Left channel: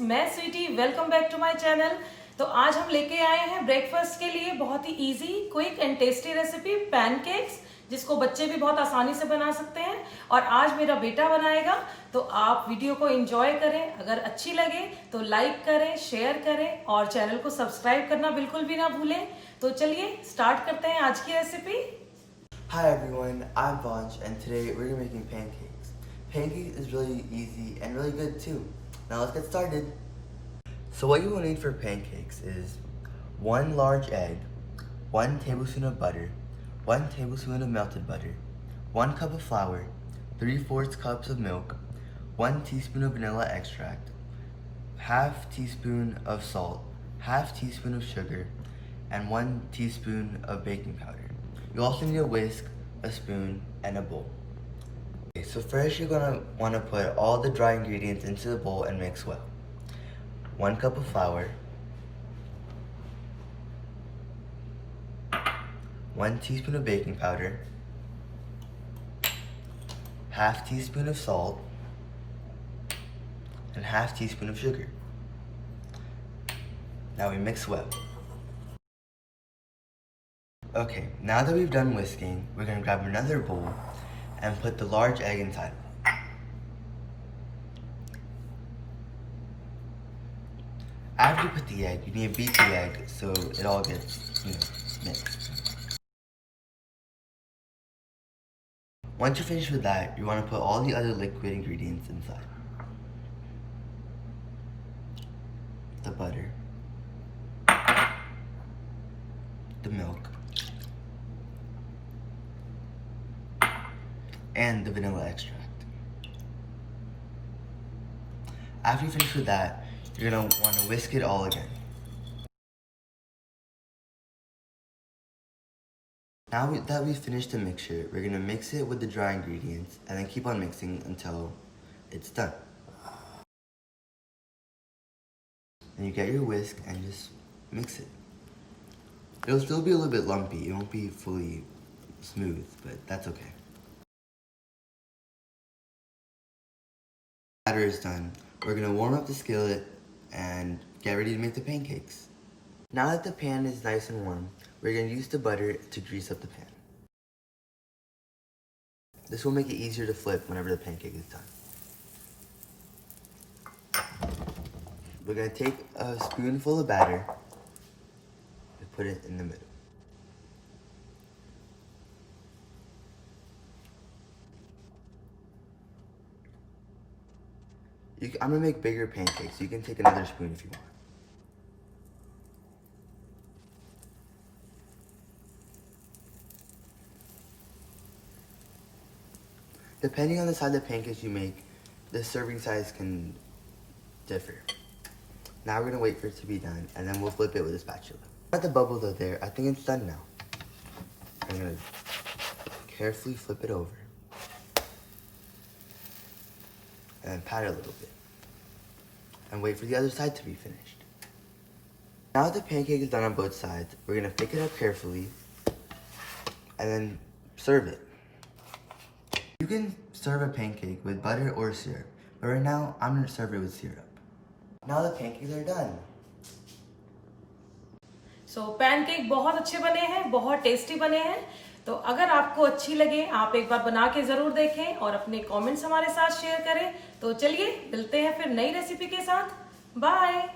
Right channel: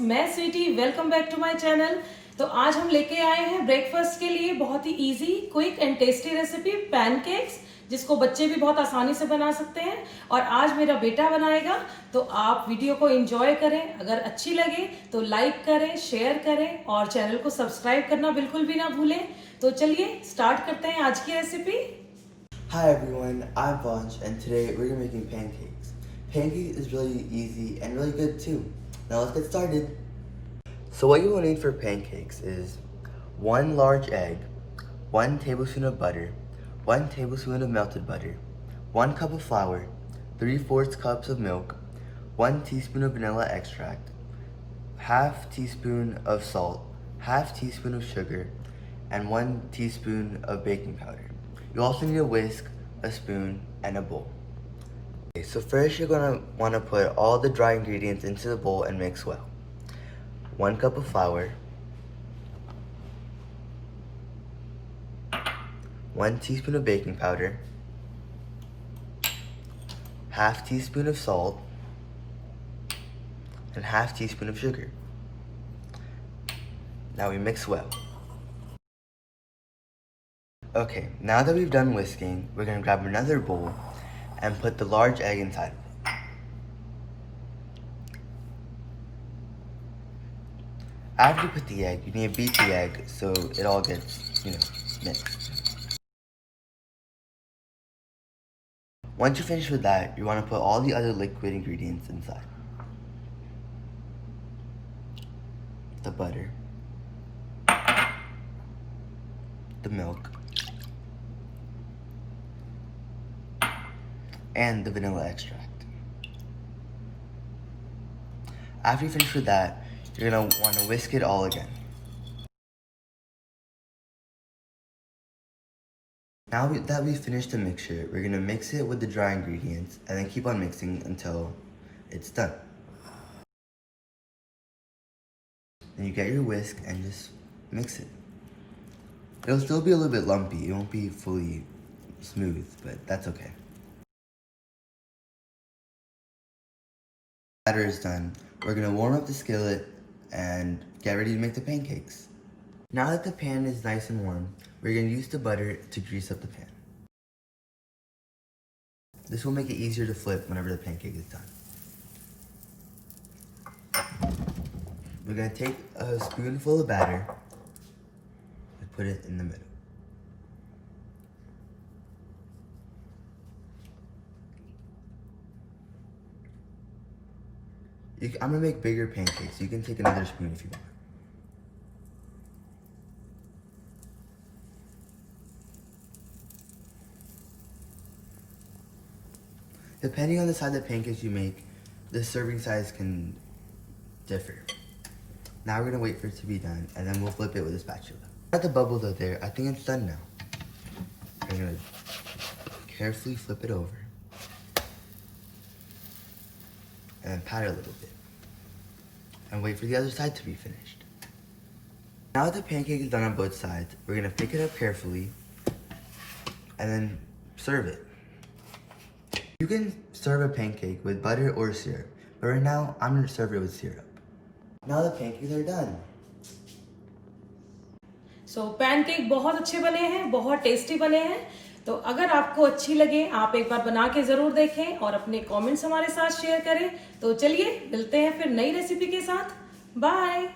मैं Sweety, welcome back to my channel. तो आज हम लेके आए हैं ब्रेकफास्ट के लिए बहुत ही easy, quick and tasty recipe pancakes, जिसको बच्चे भी बहुत आसानी से बना सकते हैं। और आज मेरा बेटा बनाएगा, तो आप वीडियो को एंजॉय करें। अगर अच्छी लगे तो लाइक करें, शेयर करें और चैनल को सब्सक्राइब करना बिल्कुल भी ना भूलें। तो चलिए स्टार्ट करते हैं आज की recipe. Hi everyone, I'm Vansh and today we're going to be making pancakes. Pancakes is really easy and really good too. Now let's get started. So what you will need for pancakes is 1 large egg, 1 tablespoon of butter, 1 tablespoon of melted butter, 1 cup of flour, 3/4 cups of milk, 1 teaspoon of vanilla extract, half teaspoon of salt, half teaspoon of sugar, and 1 teaspoon of baking powder. You also need a whisk, a spoon, and a bowl. Okay, so first you're going to want to put all the dry ingredients into the bowl and mix well. 1 cup of flour, 1 teaspoon of baking powder, half teaspoon of salt, and half teaspoon of sugar. Now we mix well. Okay, now that we've done whisking, we're going to grab another bowl and put the large egg inside. After you put the egg, you need to beat the egg so it all gets, mixed. Once you're finished with that, you want to put all the other liquid ingredients inside. The butter, the milk, and the vanilla extract. After you finish with that, you're going to want to whisk it all again. Now that we've finished the mixture, we're going to mix it with the dry ingredients and then keep on mixing until it's done. Then you get your whisk and just mix it. It'll still be a little bit lumpy, it won't be fully smooth, but that's okay. Batter is done. We're going to warm up the skillet and get ready to make the pancakes. Now that the pan is nice and warm, we're going to use the butter to grease up the pan. This will make it easier to flip whenever the pancake is done. We're going to take a spoonful of batter and put it in the middle. I'm going to make bigger pancakes, so you can take another spoon if you want. Depending on the size of pancakes you make, the serving size can differ. Now we're going to wait for it to be done, and then we'll flip it with a spatula. Now that the bubbles are there, I think it's done now. I'm going to carefully flip it over and pat it a little bit and wait for the other side to be finished. Now that the pancake is done on both sides, we're going to pick it up carefully and then serve it. You can serve a pancake with butter or syrup, but right now I'm going to serve it with syrup. Now the pancakes are done. Pancake बहुत अच्छे बने हैं, बहुत tasty बने हैं। तो अगर आपको अच्छी लगे, आप एक बार बना के जरूर देखें और अपने कमेंट्स हमारे साथ शेयर करें। तो चलिए मिलते हैं फिर नई रेसिपी के साथ। बाय।